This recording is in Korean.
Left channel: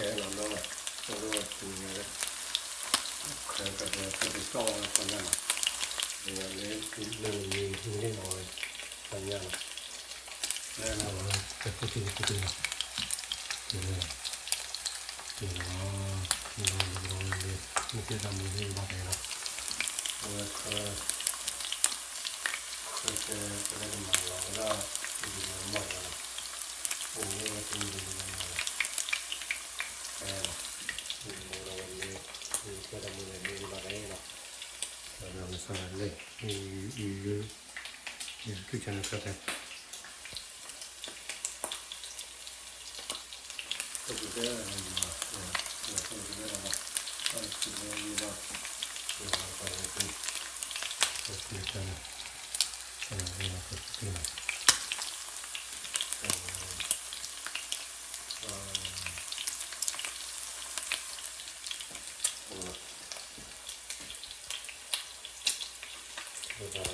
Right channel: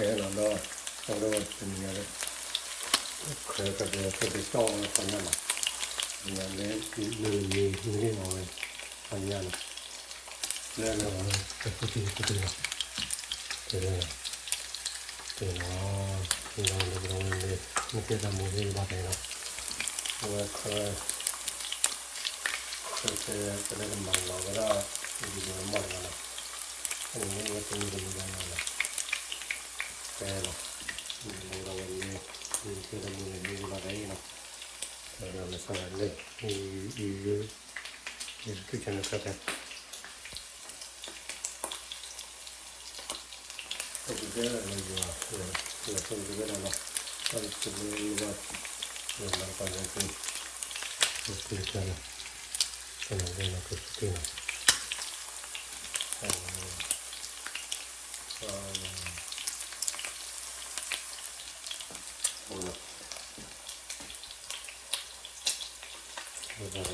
나도 저도 중요해. 그러니까 내가 저기 싸우는 거냐나. 내 이름이 나오네. 아니야. 내가 그래. 그나오는데 밑에다 모든 바다가 그래. 그렇게 그런 말 나오더라. 이게 엄마가 오늘 같은 일이 많아. 그래서 뭐라고 했니? 그런 일이 얘기가 그러면서 원래 이 이렇게 저는 그렇게 그때는 이제 그때는 이제 연락받은 그랬잖아. 저는 그때 몰라.